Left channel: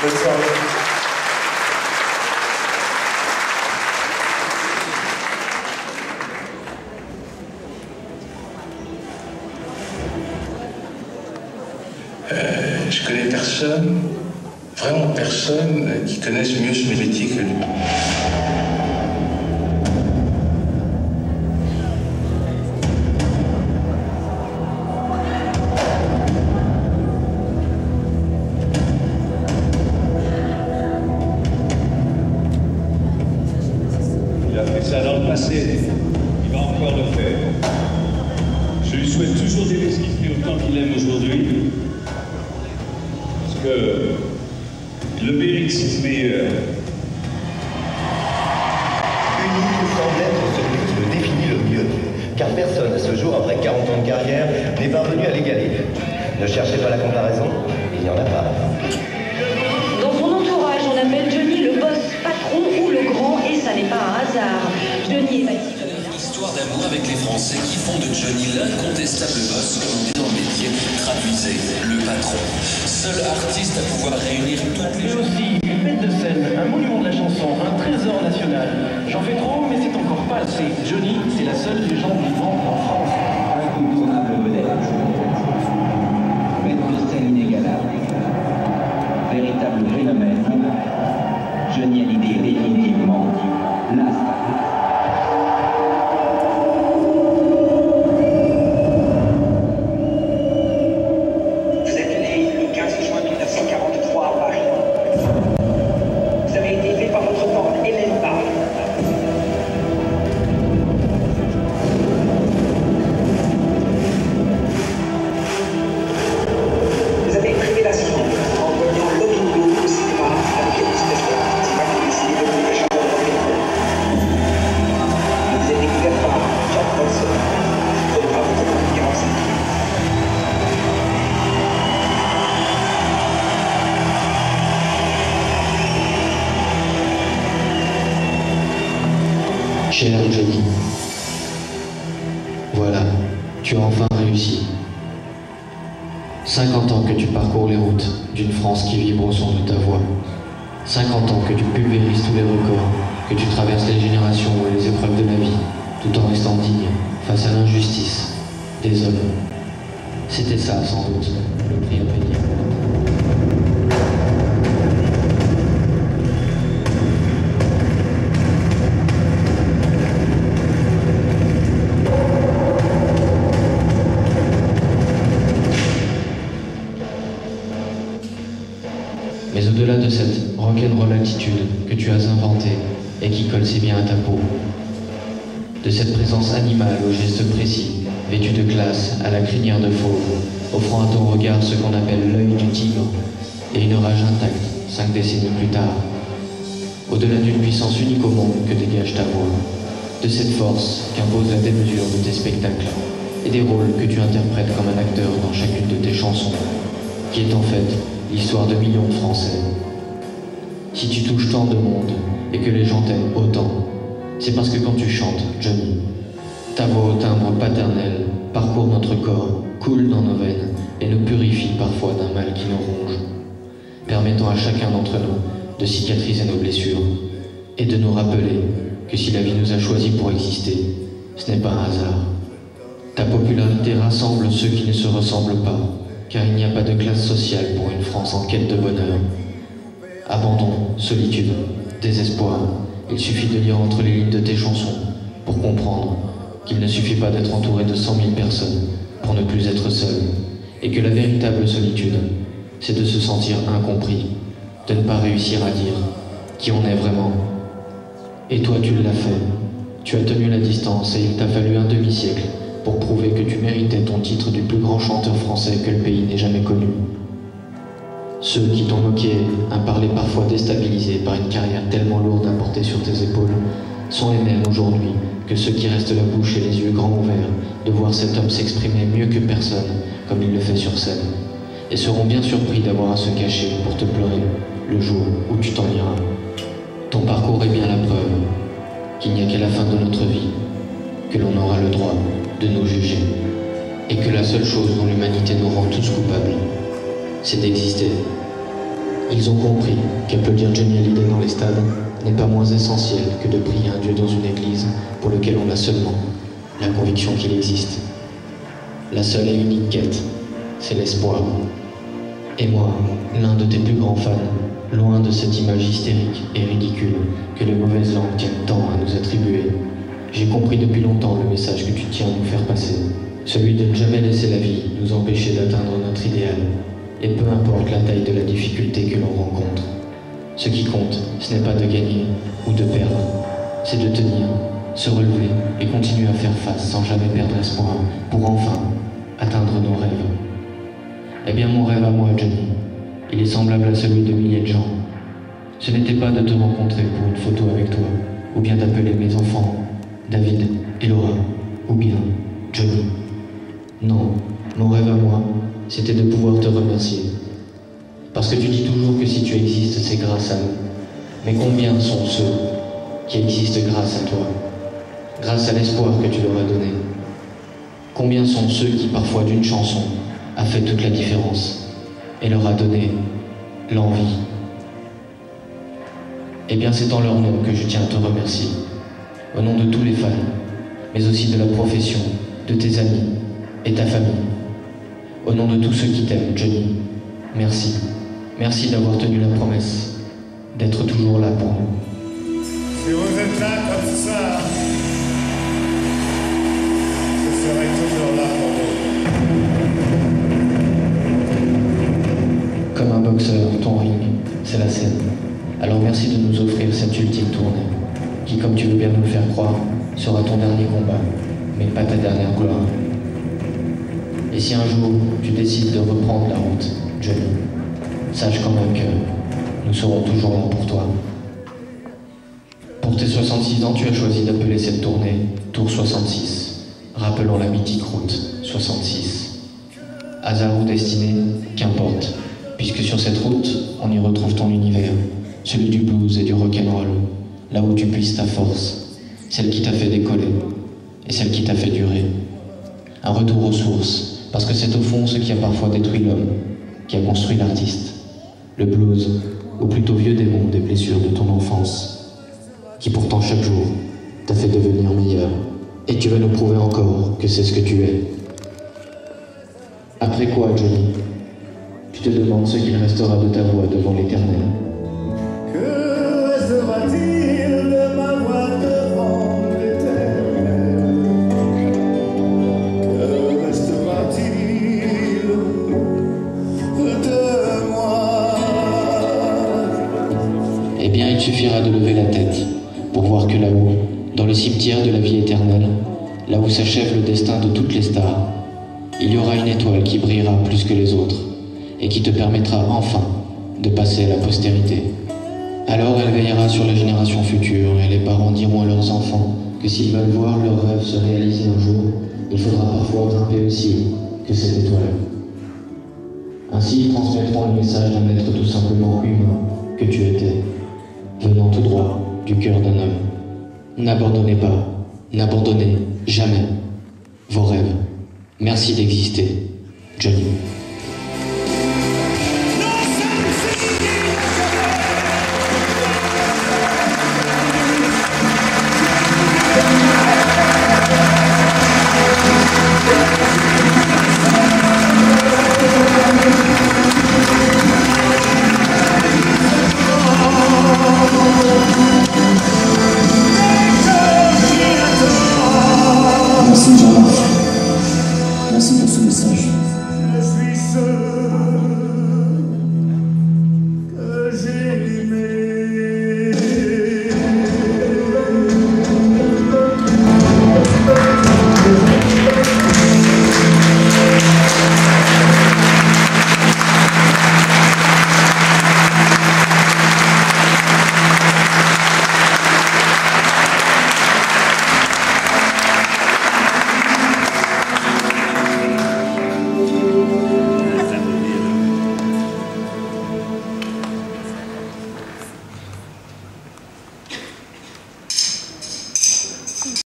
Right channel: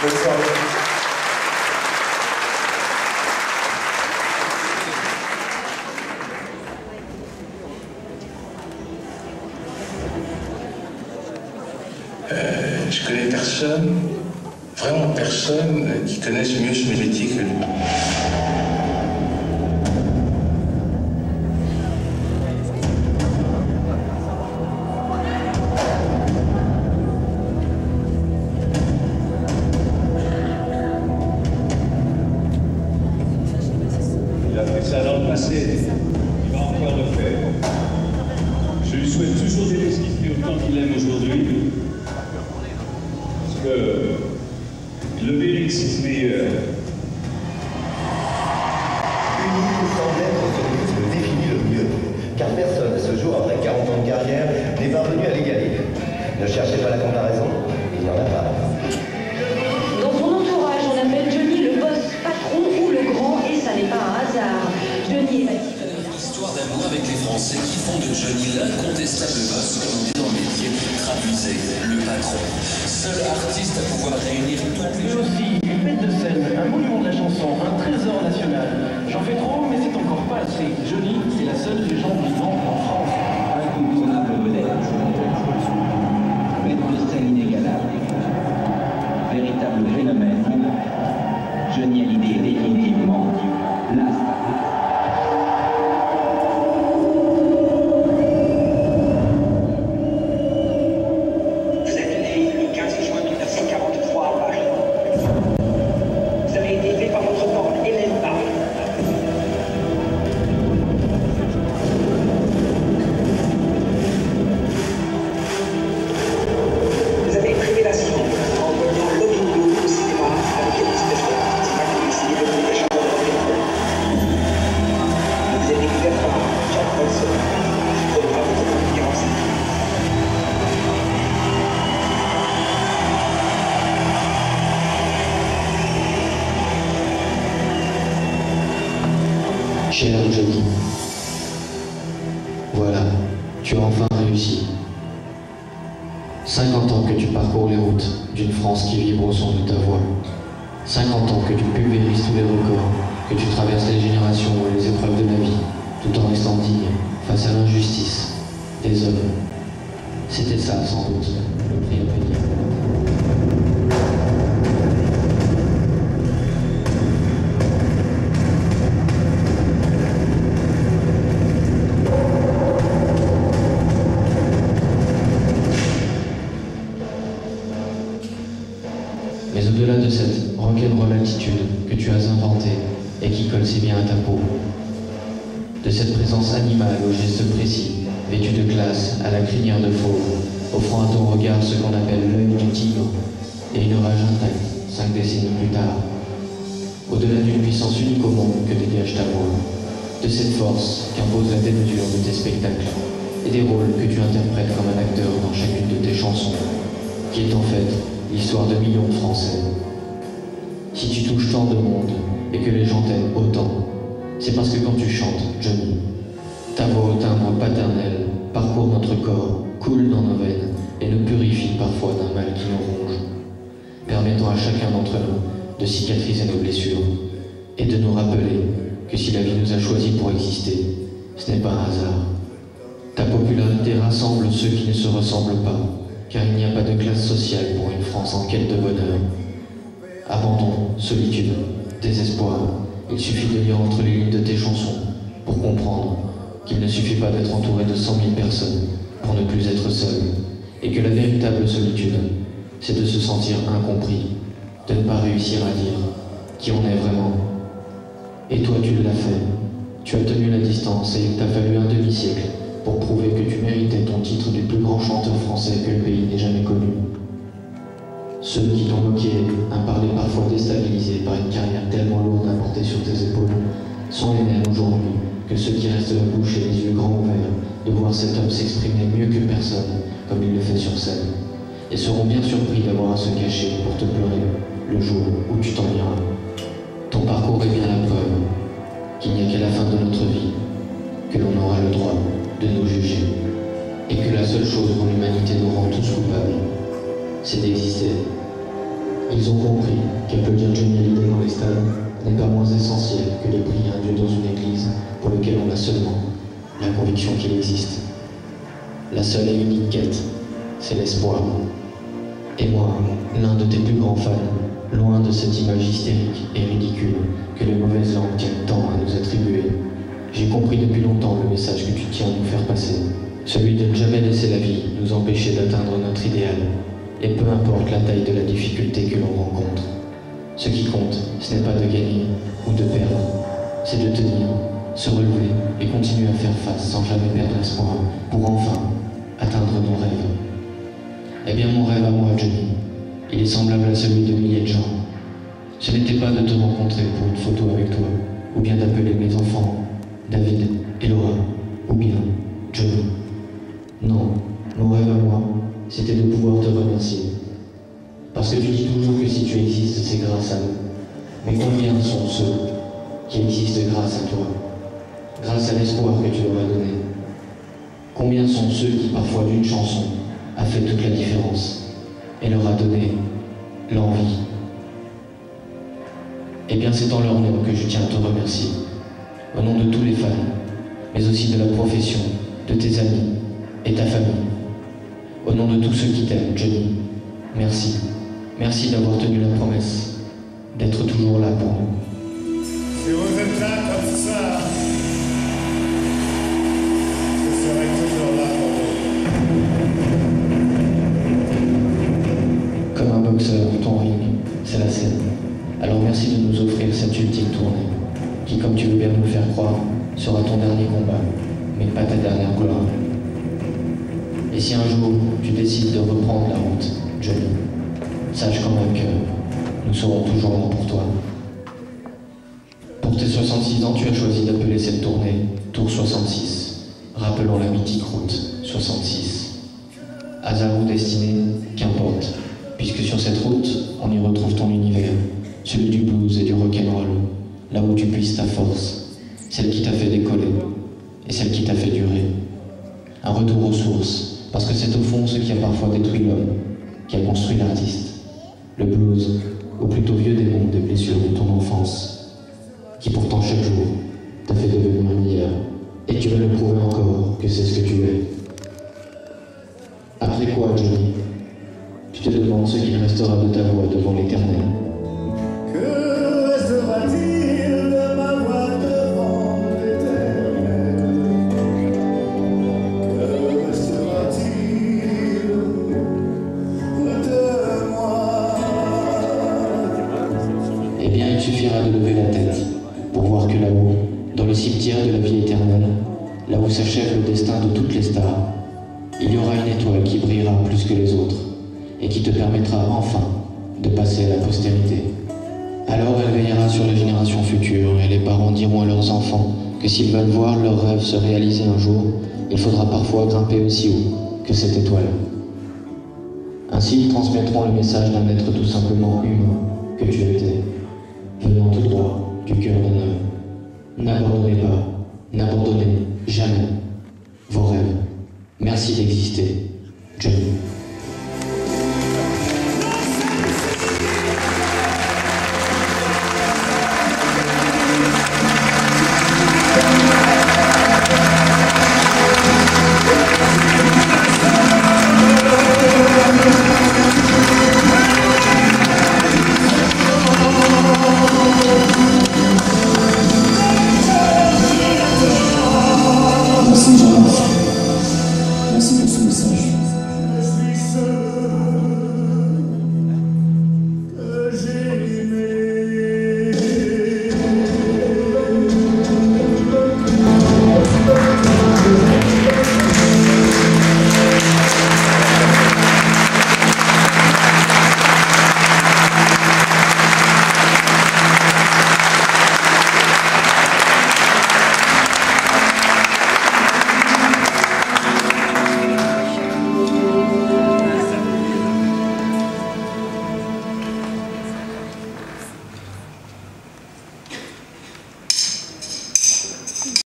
Bonne soirée. Je connais personne, vraiment personne, qui connaisse mieux ce métier que lui. Il a fait ça dans le passé, il va encore le faire. Je lui souhaite toujours d'aimer ce qu'il fait autant qu'il aime aujourd'hui. Parce que le mérite, c'est le meilleur. Unique semble être celui qui le définit le mieux, car personne à ce jour, après 40 ans de carrière, n'est parvenu à l'égaler. Ne cherchez pas la comparaison, il n'y en a pas. Dans son entourage, on appelle Johnny le boss, patron ou le grand, et ça n'est pas un hasard. Johnny est bâti comme une histoire d'amour avec les Français qui font de Johnny l'incontestable boss, comme on dit dans le métier, traduisez le patron. Seul artiste à pouvoir réunir toutes les... Mais aussi une bête de scène, un monument de la chanson, un trésor national. J'en fais trop, mais c'est encore pas assez. Johnny, c'est la seule légende vivante en France. Incontournable vedette. Bête de scène inégalable. Véritable phénomène. Johnny Hallyday est définitivement la star. Cher Johnny, voilà, tu as enfin réussi. 50 ans que tu parcours les routes d'une France qui vibre au son de ta voix. 50 ans que tu pulvérises tous les records, que tu traverses les générations et les épreuves de la vie, tout en restant digne face à l'injustice des hommes. C'était ça, sans doute, le prix à payer. Mais au-delà de cette rock'n'roll attitude que tu as inventée et qui colle si bien à ta peau, de cette présence animale aux gestes précis, vêtue de classe à la crinière de fauve, offrant à ton regard ce qu'on appelle l'œil du tigre et une rage intacte 5 décennies plus tard, au-delà d'une puissance unique au monde que dégage ta voix, de cette force qu'impose la démesure de tes spectacles et des rôles que tu interprètes comme un acteur dans chacune de tes chansons, qui est en fait l'histoire de millions de Français. Si tu touches tant de monde et que les gens t'aiment autant, c'est parce que quand tu chantes, Johnny, ta voix au timbre paternel parcourt notre corps, coule dans nos veines et nous purifie parfois d'un mal qui nous ronge, permettant à chacun d'entre nous de cicatriser nos blessures et de nous rappeler que si la vie nous a choisis pour exister, ce n'est pas un hasard. Ta popularité rassemble ceux qui ne se ressemblent pas, car il n'y a pas de classe sociale pour une France en quête de bonheur. Abandon, solitude, désespoir, il suffit de lire entre les lignes de tes chansons pour comprendre qu'il ne suffit pas d'être entouré de 100 000 personnes pour ne plus être seul, et que la véritable solitude, c'est de se sentir incompris, de ne pas réussir à dire qui on est vraiment. Et toi, tu l'as fait. Tu as tenu la distance et il t'a fallu un demi-siècle pour prouver que tu méritais ton titre du plus grand chanteur français que le pays n'ait jamais connu. Ceux qui t'ont moqué, un parler parfois déstabilisé par une carrière tellement lourde à porter sur tes épaules, sont les mêmes aujourd'hui que ceux qui restent la bouche et les yeux grands ouverts de voir cet homme s'exprimer mieux que personne, comme il le fait sur scène, et seront bien surpris d'avoir à se cacher pour te pleurer le jour où tu t'en iras. Ton parcours est bien la preuve qu'il n'y a qu'à la fin de notre vie que l'on aura le droit de nous juger, et que la seule chose dont l'humanité nous rend tous coupables, c'est d'exister. Ils ont compris qu'applaudir Johnny Hallyday dans les stades n'est pas moins essentiel que de prier un Dieu dans une église pour lequel on a seulement la conviction qu'il existe. La seule et unique quête, c'est l'espoir. Et moi, l'un de tes plus grands fans, loin de cette image hystérique et ridicule que les mauvaises langues tiennent tant à nous attribuer, j'ai compris depuis longtemps le message que tu tiens à nous faire passer, celui de ne jamais laisser la vie nous empêcher d'atteindre notre idéal, et peu importe la taille de la difficulté que l'on rencontre. Ce qui compte, ce n'est pas de gagner ou de perdre, c'est de tenir, se relever et continuer à faire face sans jamais perdre espoir pour enfin atteindre nos rêves. Eh bien, mon rêve à moi, Johnny, il est semblable à celui de milliers de gens. Ce n'était pas de te rencontrer pour une photo avec toi, ou bien d'appeler mes enfants David et Laura, ou bien Johnny. Non, mon rêve à moi, c'était de pouvoir te remercier. Parce que tu dis toujours que si tu existes, c'est grâce à nous. Mais combien sont ceux qui existent grâce à toi, grâce à l'espoir que tu leur as donné? Combien sont ceux qui, parfois d'une chanson, a fait toute la différence et leur a donné l'envie? Eh bien, c'est en leur nom que je tiens à te remercier, au nom de tous les fans, mais aussi de la profession, de tes amis et ta famille. Au nom de tous ceux qui t'aiment, Johnny, merci. Merci d'avoir tenu la promesse, d'être toujours là pour nous. Si vous êtes là comme ça, je serai toujours là pour vous. Comme un boxeur, ton ring, c'est la scène. Alors merci de nous offrir cette ultime tournée, qui, comme tu veux bien nous le faire croire, sera ton dernier combat, mais pas ta dernière gloire. Et si un jour tu décides de reprendre la route, Johnny, sache quand même que nous serons toujours là pour toi. Pour tes 66 ans, tu as choisi d'appeler cette tournée Tour 66, rappelant la mythique route 66. Hasard ou destinée, qu'importe, puisque sur cette route, on y retrouve ton univers, celui du blues et du rock'n'roll, là où tu puisses ta force, celle qui t'a fait décoller et celle qui t'a fait durer. Un retour aux sources, parce que c'est au fond ce qui a parfois détruit l'homme, qui a construit l'artiste. Le blues, ou plutôt vieux démon des blessures de ton enfance, qui pourtant chaque jour t'a fait devenir meilleur. Et tu vas nous prouver encore que c'est ce que tu es. Après quoi, Johnny, tu te demandes ce qu'il restera de ta voix devant l'Éternel. Que restera-t-il de ma voix devant l'Éternel? Que restera-t-il de moi? Eh bien, il suffira de lever la tête pour voir que là-haut, dans le cimetière de la vie éternelle, là où s'achève le destin de toutes les stars, il y aura une étoile qui brillera plus que les autres et qui te permettra enfin de passer à la postérité. Alors elle veillera sur les générations futures et les parents diront à leurs enfants que s'ils veulent voir leurs rêves se réaliser un jour, il faudra parfois grimper aussi haut que cette étoile. Ainsi ils transmettront le message d'un être tout simplement humain que tu étais, venant tout droit du cœur d'un homme. N'abandonnez pas, n'abandonnez jamais vos rêves. Merci d'exister, Johnny.